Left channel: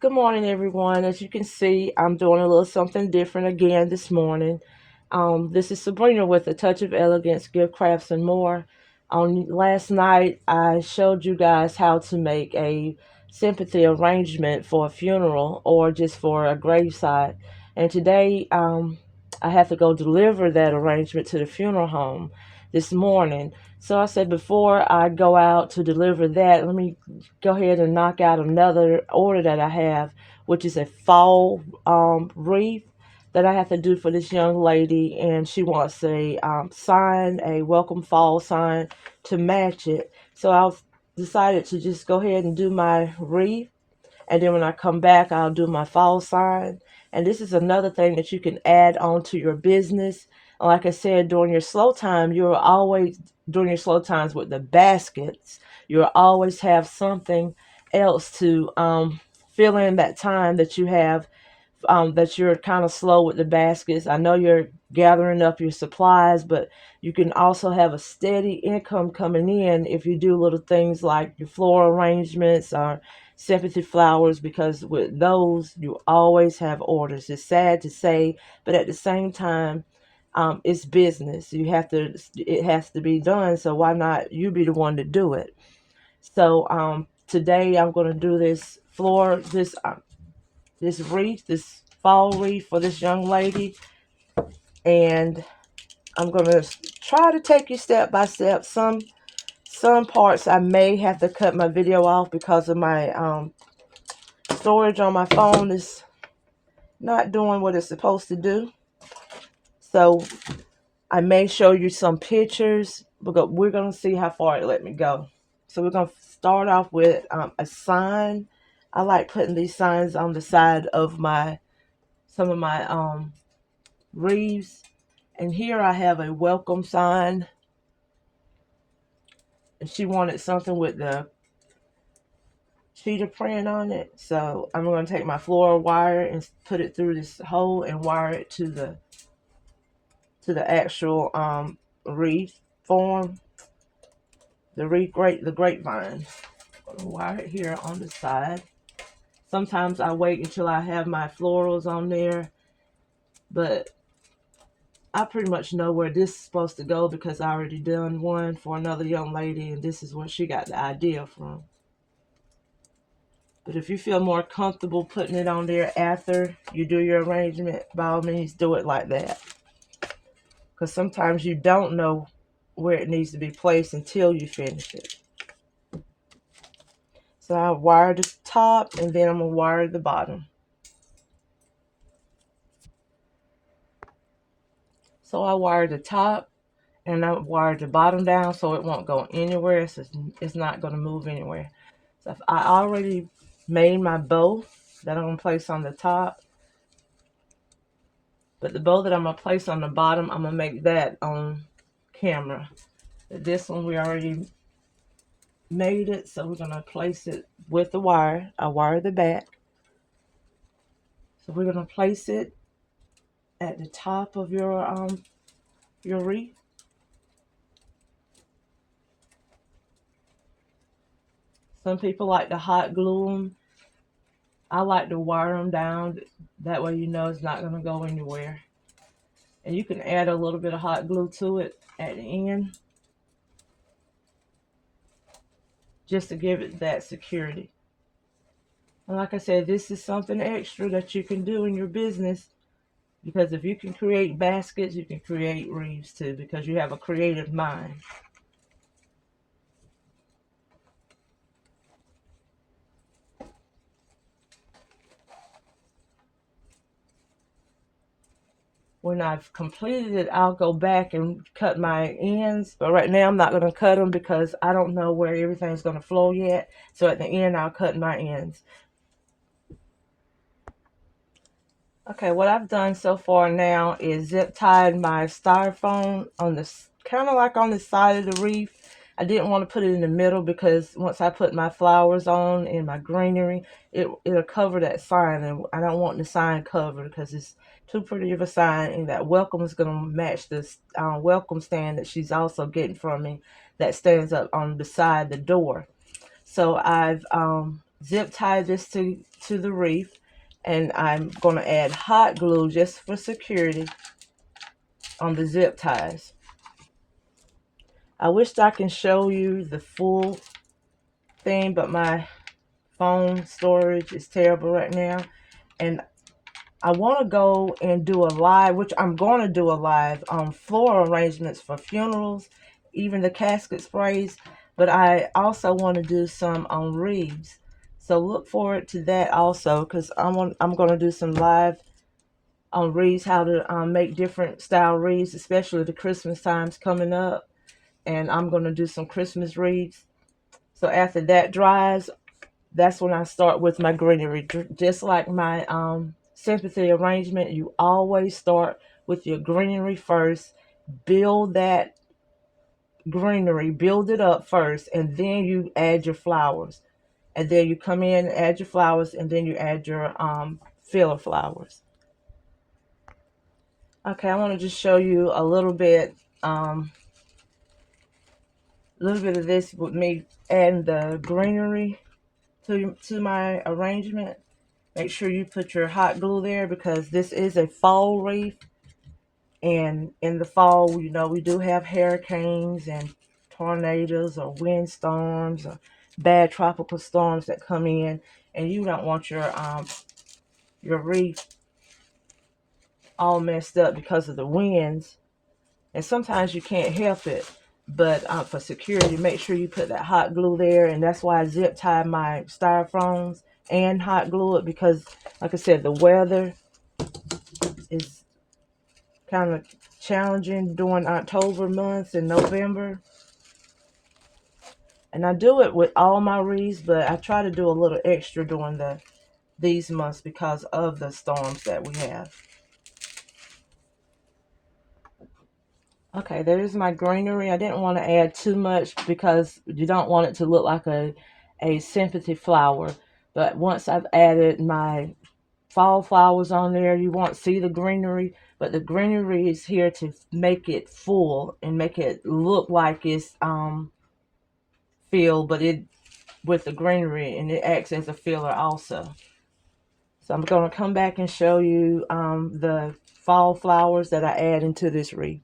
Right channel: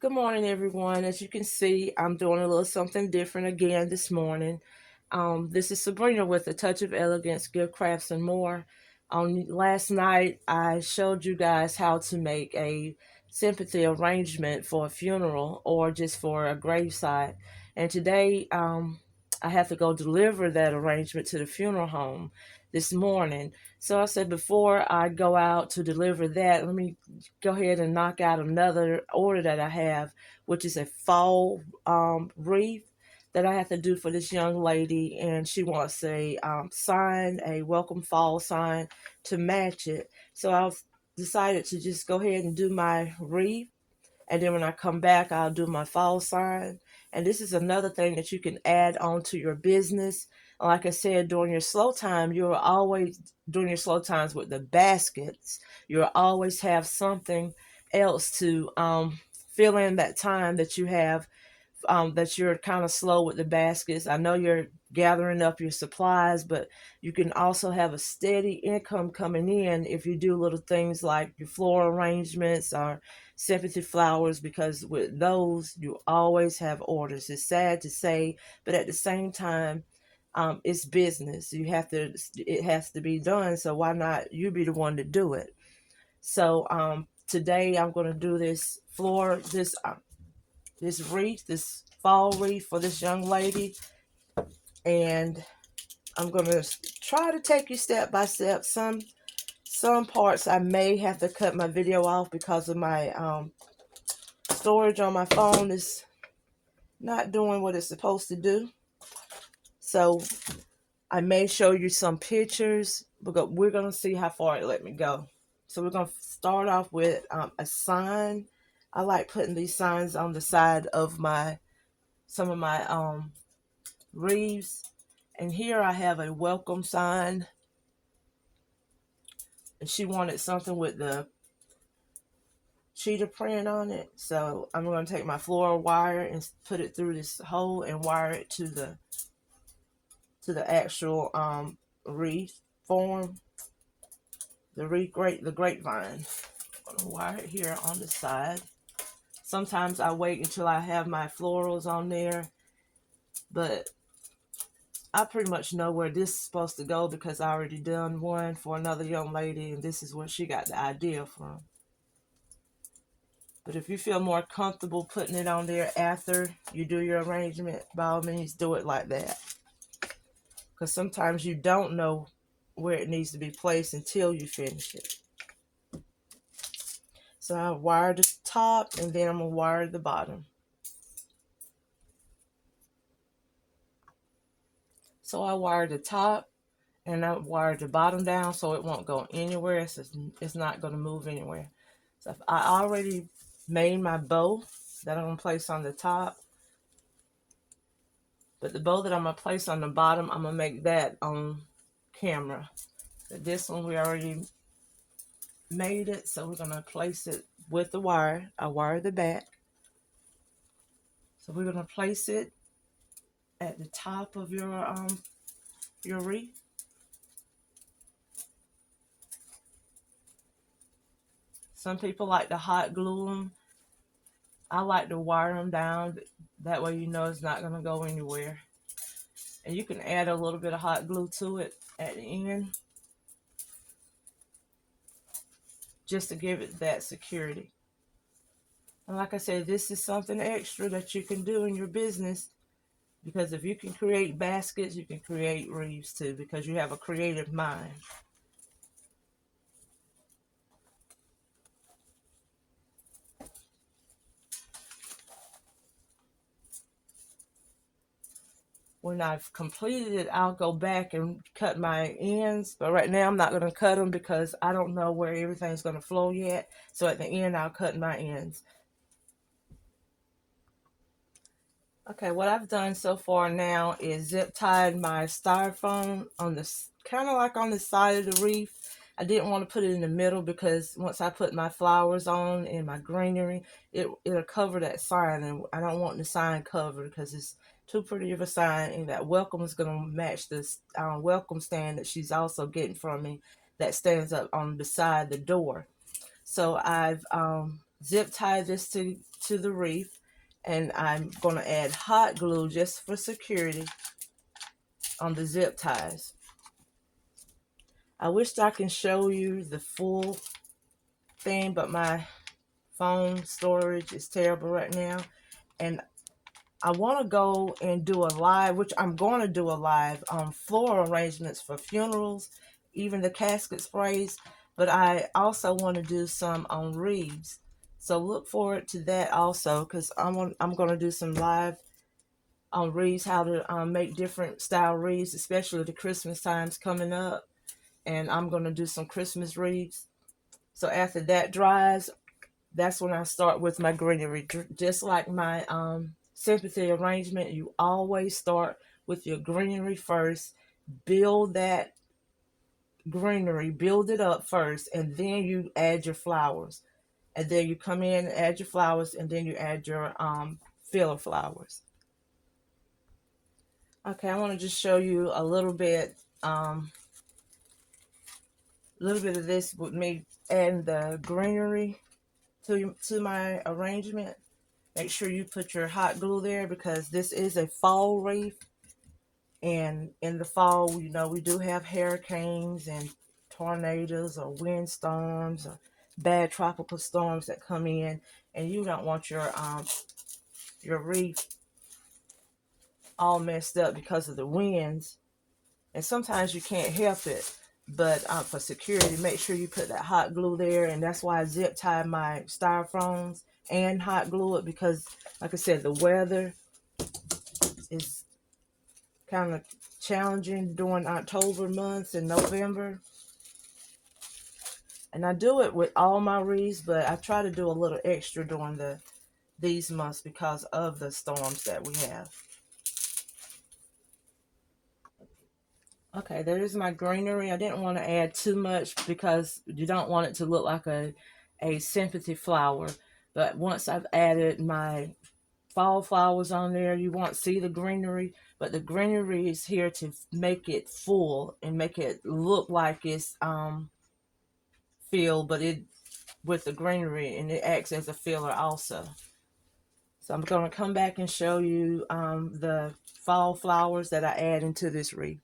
Good morning, everyone. As you can see, I'm doing a little something different again this morning. This is Sabrina with A Touch of Elegance, Gift Crafts, and More. On last night, I showed you guys how to make a sympathy arrangement for a funeral or just for a graveside. And today, I have to go deliver that arrangement to the funeral home this morning. So I said, before I go out to deliver that, let me go ahead and knock out another order that I have, which is a fall wreath that I have to do for this young lady, and she wants a sign, a welcome fall sign to match it. So I've decided to just go ahead and do my wreath, and then when I come back, I'll do my fall sign. And this is another thing that you can add on to your business. Like I said, during your slow time, you'll always, during your slow times with the baskets, you'll always have something else to fill in that time that you have, that you're kind of slow with the baskets. I know you're gathering up your supplies, but you can also have a steady income coming in if you do little things like your floral arrangements or sympathy flowers, because with those, you always have orders. It's sad to say, but at the same time, it's business. It has to be done. So why not you be the one to do it? So today I'm going to do this wreath, this fall wreath for this young lady, and I'm gonna try to take you step by step. Some parts I may have to cut my video off because of my storage on my phone is not doing what it's supposed to do. So I may show you some pictures, but we're gonna see how far it let me go. So we're gonna start off with a sign. I like putting these signs on the side of my some of my wreaths. And here I have a welcome sign. And she wanted something with the cheetah print on it. So I'm going to take my floral wire and put it through this hole and wire it to the actual wreath form. The grapevine. I'm going to wire it here on the side. Sometimes I wait until I have my florals on there, but I pretty much know where this is supposed to go because I already done one for another young lady, and this is where she got the idea from. But if you feel more comfortable putting it on there after you do your arrangement, by all means do it like that. Because sometimes you don't know where it needs to be placed until you finish it. So I wire the top and then I'm going to wire the bottom. So I wire the top and I wire the bottom down so it won't go anywhere. So it's not going to move anywhere. So I already made my bow that I'm going to place on the top. But the bow that I'm going to place on the bottom, I'm going to make that on camera. This one we already made it, so we're going to place it with the wire. I wire the back. So we're going to place it at the top of your wreath. Some people like to hot glue them. I like to wire them down. That way you know it's not going to go anywhere. And you can add a little bit of hot glue to it at the end, just to give it that security. And like I said, this is something extra that you can do in your business, because if you can create baskets, you can create wreaths too, because you have a creative mind. When I've completed it, I'll go back and cut my ends. But right now, I'm not going to cut them because I don't know where everything's going to flow yet. So at the end, I'll cut my ends. Okay, what I've done so far now is zip tied my styrofoam on the kind of like on the side of the wreath. I didn't want to put it in the middle because once I put my flowers on and my greenery, it'll cover that sign, and I don't want the sign covered because it's too pretty of a sign. And that welcome is going to match this welcome stand that she's also getting from me that stands up on beside the door. So I've zip tie this to the wreath, and I'm going to add hot glue just for security on the zip ties. I wish I can show you the full thing, but my phone storage is terrible right now, and I want to go and do a live, which I'm going to do a live on floral arrangements for funerals, even the casket sprays, but I also want to do some on wreaths. So look forward to that also, because I'm going to do some live on wreaths, how to make different style wreaths, especially the Christmas times coming up, and I'm going to do some Christmas wreaths. So after that dries, that's when I start with my greenery. Just like my sympathy arrangement, you always start with your greenery first. Build that greenery, build it up first, and then you add your flowers. And then you come in, add your flowers, and then you add your filler flowers. Okay, I want to just show you a little bit of this with me adding the greenery to my arrangement. Make sure you put your hot glue there because this is a fall wreath. And in the fall, you know, we do have hurricanes and tornadoes or windstorms or bad tropical storms that come in. And you don't want your wreath all messed up because of the winds. And sometimes you can't help it. But for security, make sure you put that hot glue there. And that's why I zip tie my styrofoams and hot glue it, because like I said, the weather is kind of challenging during October months and November. And I do it with all my wreaths, but I try to do a little extra during these months because of the storms that we have. Okay, there's my greenery. I didn't want to add too much because you don't want it to look like a sympathy flower. But once I've added my fall flowers on there, you won't see the greenery, but the greenery is here to make it full and make it look like it's filled, but it with the greenery, and it acts as a filler also. So I'm going to come back and show you the fall flowers that I add into this wreath.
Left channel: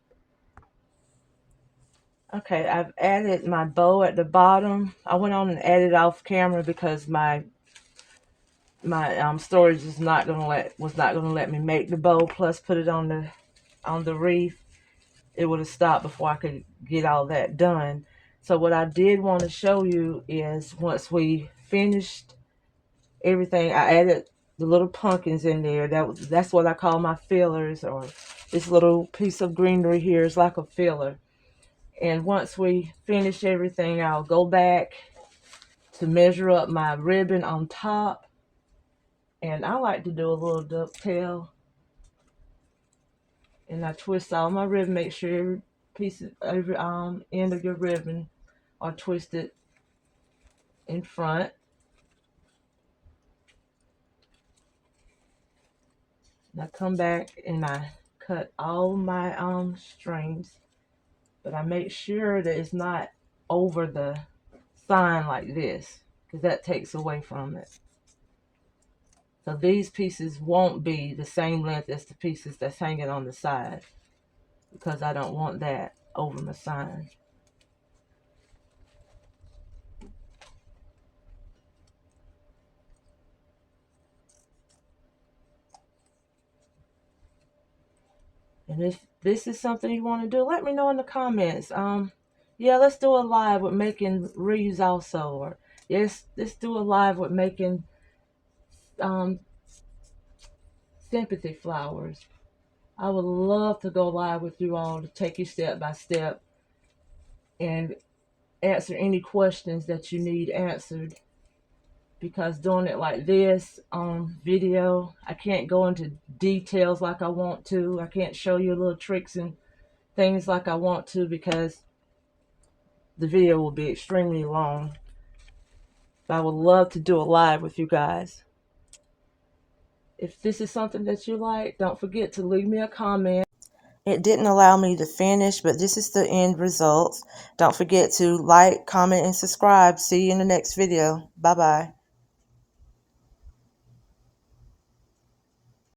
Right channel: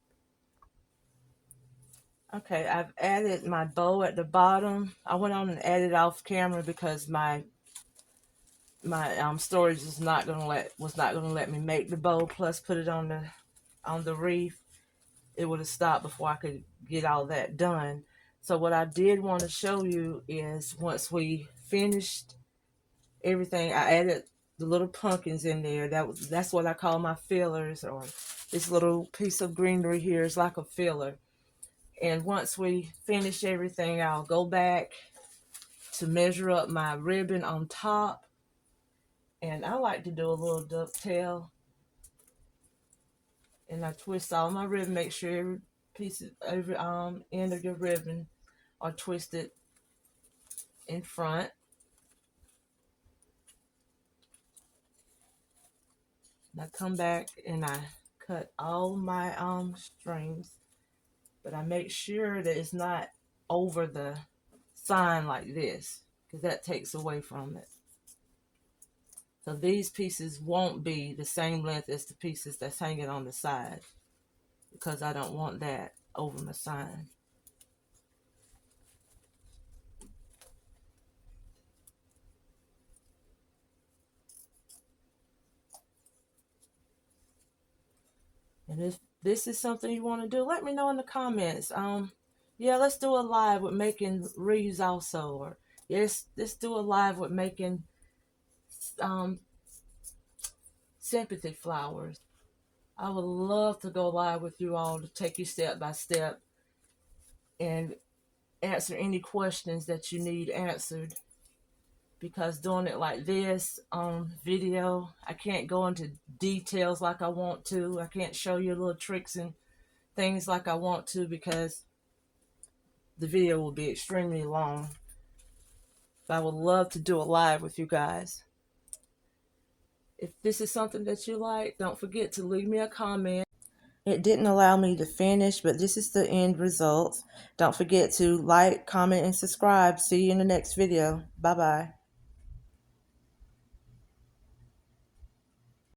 Okay, I've added my bow at the bottom. I went on and added off camera because my storage was not gonna let me make the bow plus put it on the wreath. It would have stopped before I could get all that done. So what I did want to show you is once we finished everything, I added the little pumpkins in there. That's what I call my fillers, or this little piece of greenery here is like a filler. And once we finish everything, I'll go back to measure up my ribbon on top. And I like to do a little dovetail. And I twist all my ribbon, make sure every end of your ribbon are twisted in front. And I come back and I cut all my strings, but I make sure that it's not over the sign like this, because that takes away from it. So these pieces won't be the same length as the pieces that's hanging on the side, because I don't want that over my sign. And if this is something you want to do, let me know in the comments. Yeah, let's do a live with making wreaths also, or yes, let's do a live with making sympathy flowers. I would love to go live with you all to take you step by step and answer any questions that you need answered. Because doing it like this on video, I can't go into details like I want to. I can't show you little tricks and things like I want to, because the video will be extremely long. But I would love to do a live with you guys. If this is something that you like, don't forget to leave me a comment. It didn't allow me to finish, but this is the end result. Don't forget to like, comment, and subscribe. See you in the next video. Bye-bye.